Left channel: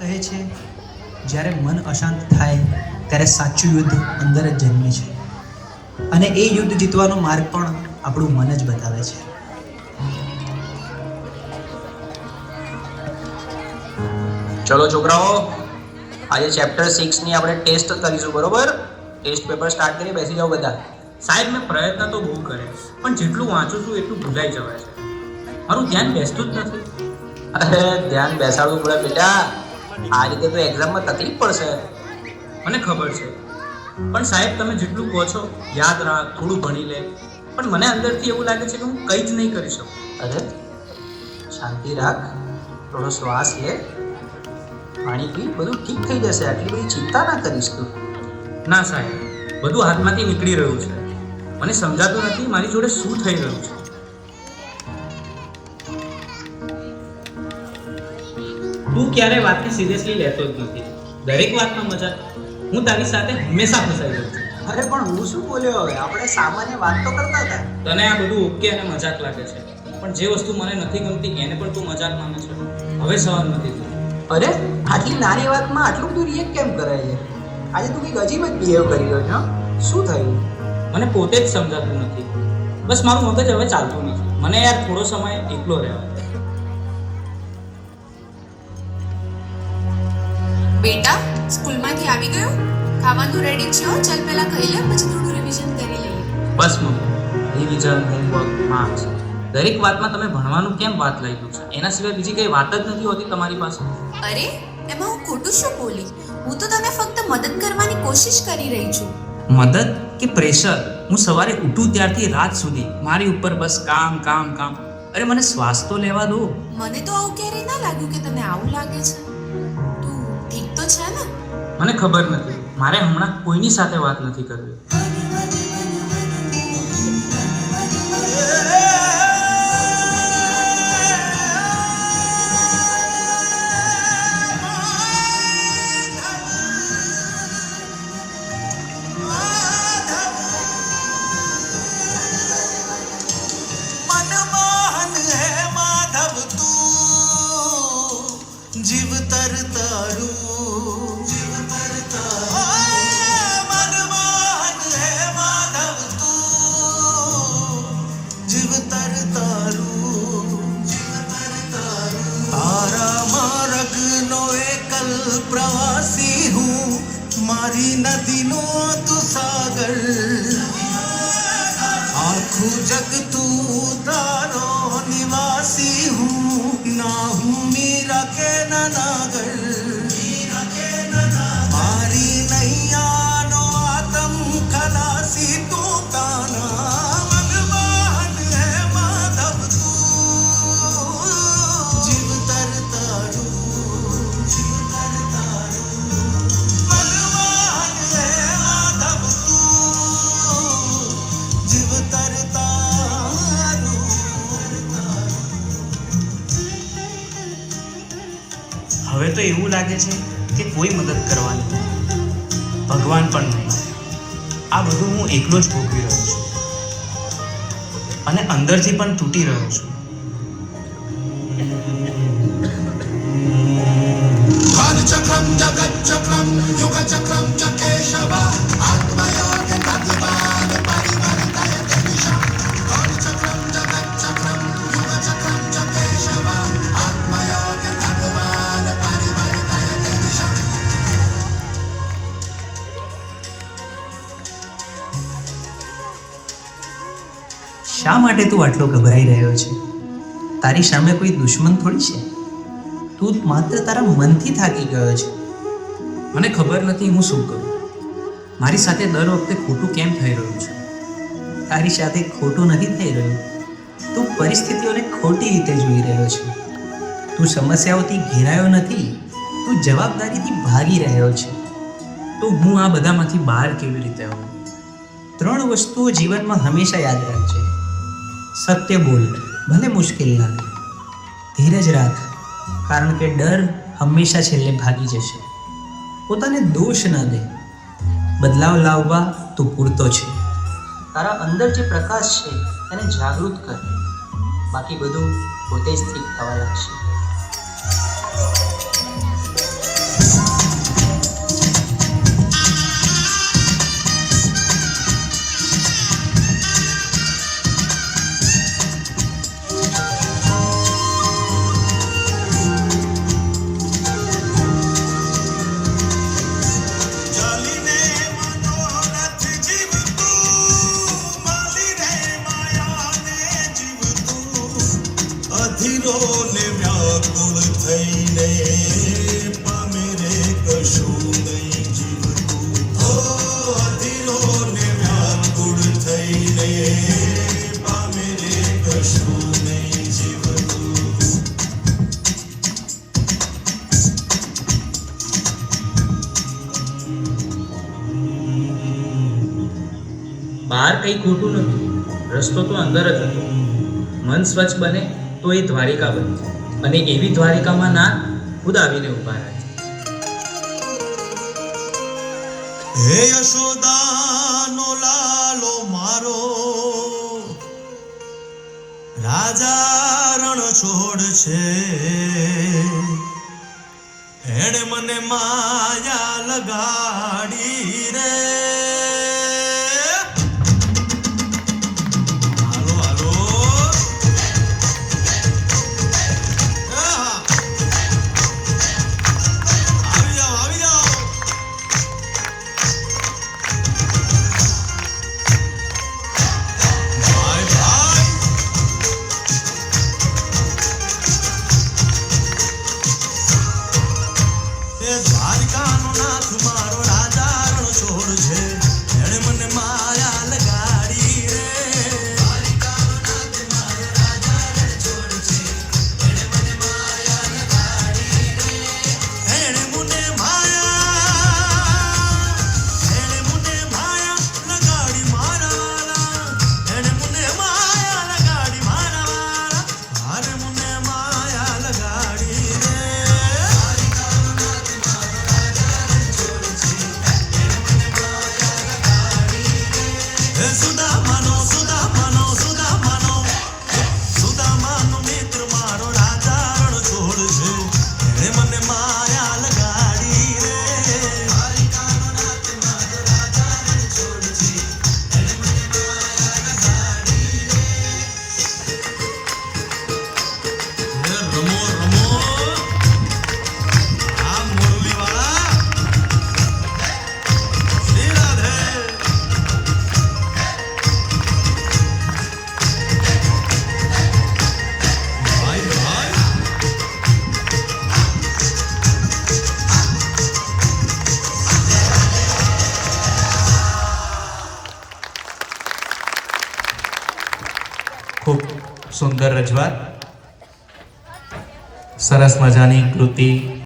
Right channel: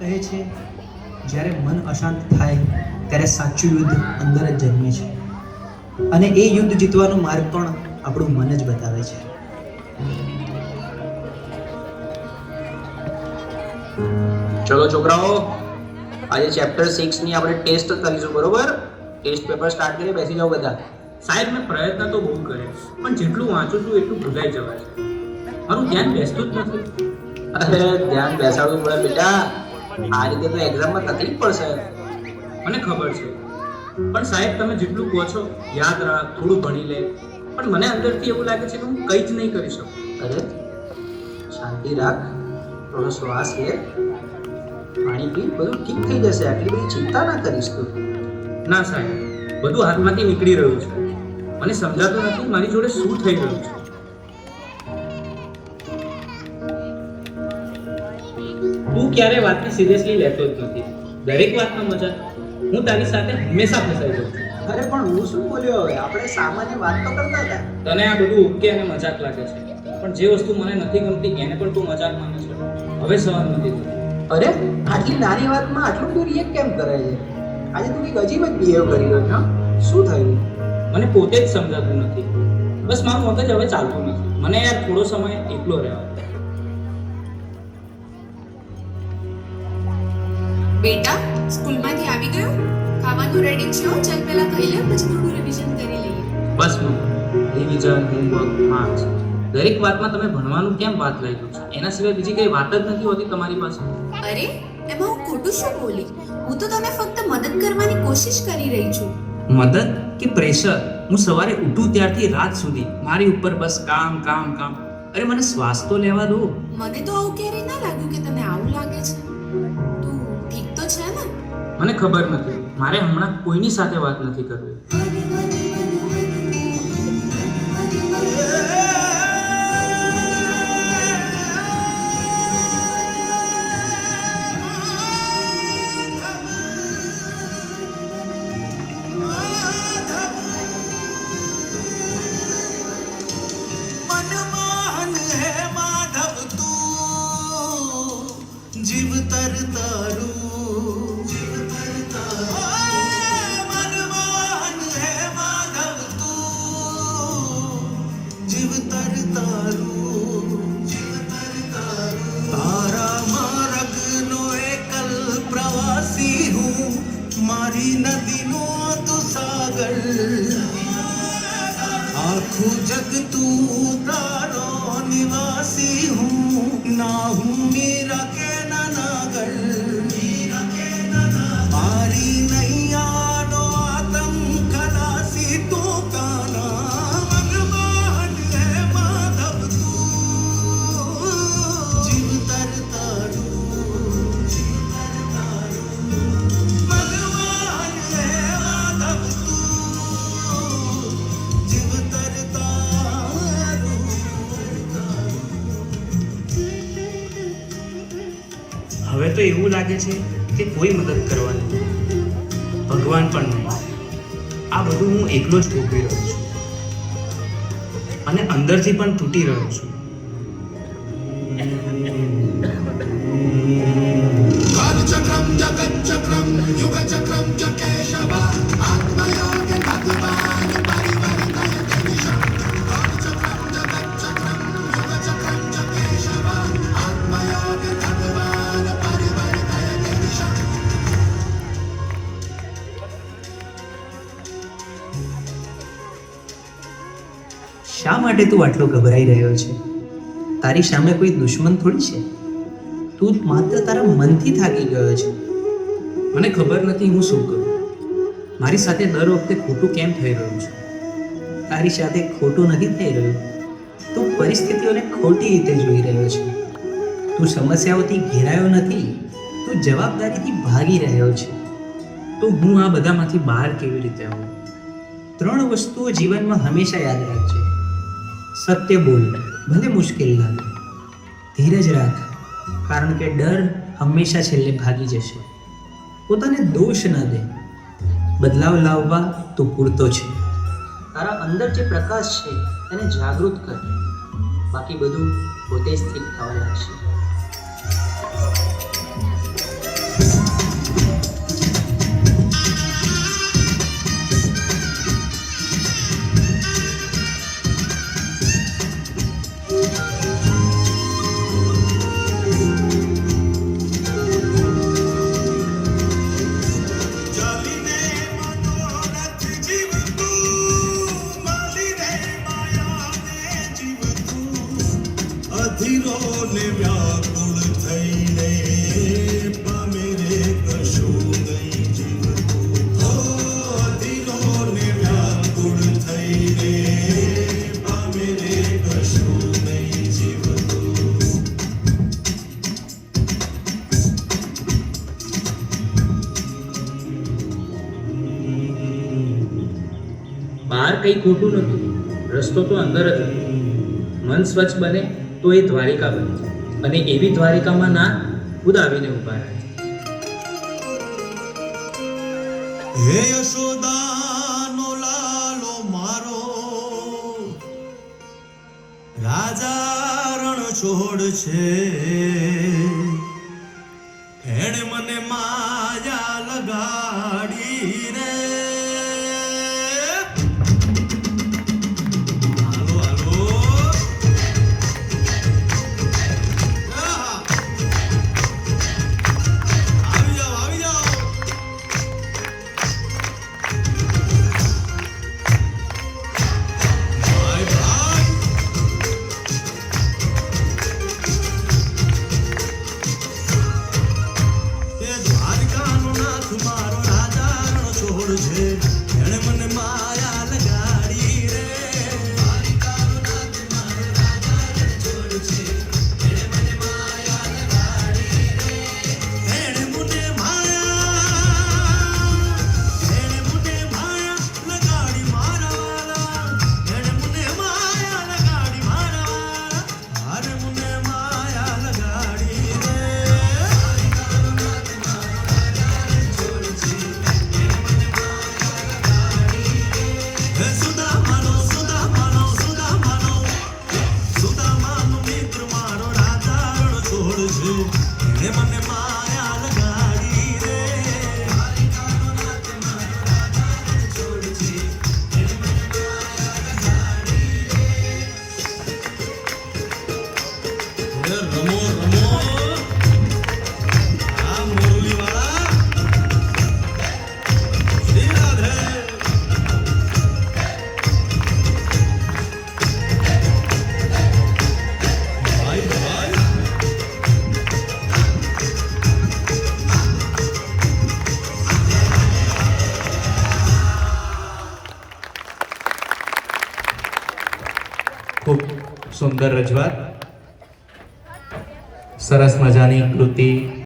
કહે છે જ્યારે મન અશાંત થાય ત્યારે સાચું યુદ્ધ અંદર જ જન્મે છે અને એ યુદ્ધ જીતવાનો માર્ગ પણ આપણું મન જ બતાવે છે. ચલો છોકરાઓ, આજે ચેપ્ટર 6 ની આપણે ટેસ્ટ કરીશું, બરોબર? ટેસ્ટ પેપર સ્ટાર્ટ કરી બેસી જાઓ બધા. સાહેબ મેં પ્રયત્ન તો બહુ કરે પણ જેટલું વાંચું છું એટલું ભૂલાઈ જવાય છે. મારું ધ્યાન બેસતું જ નથી. અરે ધ્યાન બેસાડવું પડે બેટા, આ રીતે તો એક્ઝામમાં તકલીફ પડશે. મને ખબર છે પણ સાહેબ તમે જેટલું કહો છો યાદ રાખ, થોડું ભણી લે, પણ મને અંદરથી એવું લાગે છે કે હું કંઈ જ નહીં કરી શકું. અરે શાંતિ રાખ, થોડો શ્વાસ લે, પાણી પી, બધું ઠીક થઈ જશે. આટલી બધી ચિંતા ના કરીશ તું. ના સાહેબ, બધું હાથમાંથી નીકળી રહ્યું છે. મને સમજાતું નથી મારી જોડે શું થઈ રહ્યું છે. તું ક્યારે વાતને સિરિયસલી લેતો જ નથી. દરેક વાતમાં મજાક. હું તારી સાથે હંમેશા ફસાઈ રહ્યો છું. અરે પણ હું શું બોલ્યો હવે? આપણે સામાન્ય વાત તો કરતા હતા. તને આ બધું ઓકે અને મજાક લાગે છે, પણ જે વસ્તુ મને નથી ગમતી એને પણ તું મજાક માને છે. હવે સહન નથી થતું. અરે આટલી નાની વાતમાં આટલું બધું રિએક્ટ કેમ કરે છે? આજે તું કંઈક અજીબ જ બિહેવ કરી રહ્યો છે. શું થયું? મને પોતે જ સમજાતું નથી. બસ મારું મગજ હવે ચાલતું નથી. મને યાર થોડો સમય એકલો રહ્યો. બેટા, સ્કૂલમાંથી આવી ગયો? ખાવાનું રેડી છે? ચાલ પહેલા ખાઈ લે, પછી થોડું રિવિઝન કરી લઈએ. બસ મમ્મી, રિવિઝન, હોમવર્ક, માર્ક્સ, દરેક વાતમાં તમે ભણવાનું કેમ વાત લઈ લો છો? એના સિવાય બીજી કઈ વાત જ નથી હોતી તમારી પાસે. અરે એમાં હું ખોટું શું બોલી? હું તો તને ફક્ત મદદ કરવાની કોશિશ કરી રહી છું. મદદ કે પ્રેશર? હું સવારે ઉઠું ત્યારથી રાત સુધી મારી ઉપર બસ કામ કામ કામ. અરે મને શ્વાસ તો લેવા દો. મને તો આવું ક્યારેય ના લાગ્યું કે તને આવું લાગે છે. તું ઠીક તો છે ને? મને ખબર નથી, મારે હમણાં કોઈની સાથે વાત નથી કરવી. જીવ તર તારું, જીવ તર તારું, મનમોહન હે માધવ તું, જીવ તર તારું, જીવ તર તારું. તારા માર્ગનો એકલ પ્રવાસી હું, મારી નદીનો તું સાગર, આખું જગ તું તારો નિવાસી હું, ના હું મીરા કે નાગર, મારી નૈયાનો આતમ ખલાસી તું કાના, મનમોહન હે માધવ તું, જીવ તર તારું, જીવ તર તારું, મનમોહન હે માધવ તું, જીવ તર તારું. હવે તો એવું લાગે છે કે કોઈ મદદ કરવાનું ભગવાન પણ નહીં. આ બધું હું એકલો જ ભોગવી રહ્યો છું અને અંદરથી પણ તૂટી રહ્યો છું. Valchakram Jagatchakram Yugachakram Jakeshava Atmayoga Nadivan Parivartaya Kadisha Valchakram Jagatchakram Yugachakram Jakeshava Atmayoga Nadivan Parivartaya Kadisha. શા માટે તું આટલો ગભરાઈ રહ્યો છે? તારી સામે કોઈ દુશ્મન થોડી છે. તું માત્ર તારા મનથી થાકી ગયો છે. મને ખબર નથી હું શું કરું. મારી સાથે દર વખતે ખોટું કેમ થઈ રહ્યું છે? તારી સાથે ખોટું નથી થઈ રહ્યું. તું પરિસ્થિતિઓને ખોટી રીતે જોઈ રહ્યો છે. તું સમસ્યાઓથી ઘેરાયો નથી, તું જવાબદારીથી ભાગી રહ્યો છે. તો હું આ બધામાંથી બહાર કેવી રીતે આવું? 3 વસ્તુઓ જીવનમાં હંમેશા યાદ રાખજે. સત્ય બોલ, ભલે મુશ્કેલ લાગે. ધીરજ રાખ, કારણ કે ડર હંમેશા છેલ્લે ભાગી જશે. પોતાને દોષ ન દે. બદલાવ લાવવા તું પૂરતો છે. તારા અંદર જે પ્રકાશ છે એને જાગૃત કર, બાકી બધું પોતે જ ઠીક થવા લાગશે. વ્યાકુળ થઈને પામે રે કશું નહીં જીવતું. હો અધીરોને વ્યાકુળ થઈને પામે રે કશું નહીં જીવતું. બહાર કંઈ ખોટું નહોતું, રસ્તો તો અંદર જ હતો. મન સ્વચ્છ બને તો એ દ્વારિકા બને, અને એવી દ્વારિકામાં ના ખુદ આવીને ઊભા રહે. હે યશોદાનો લાલો મારો, રાજા રણ છોડ છે. એણે મને માયા લગાડી રે. હાલો હાલો, આવી જાઓ આવી જાઓ. ભાઈ ભાઈ, એ દ્વારકાનો નાથ મારો રાજા રણ છોડ છે. એણે મને માયા લગાડી રે. દ્વારકાનો નાથ મારો રાજા રણ છોડ છે. એણે મને માયા લગાડી રે. એણે મને માયા લગાડી મારા વાલા. એણે મને માયા લગાડી મારા વાલા. હારે મને માયા લગાડી રે. હે સુદામાનો સુદામાનો સુદામાનો, સુદામાનો મિત્ર મારો રાજા રણ છોડ છે. એણે મને માયા લગાડી રે. હે રમો રમો, આ મોરલીવાળા શ્રી રાધે. ભાઈ ભાઈ, ખૂબ સુંદર રજૂઆત, સરસ મજાની કૃતિ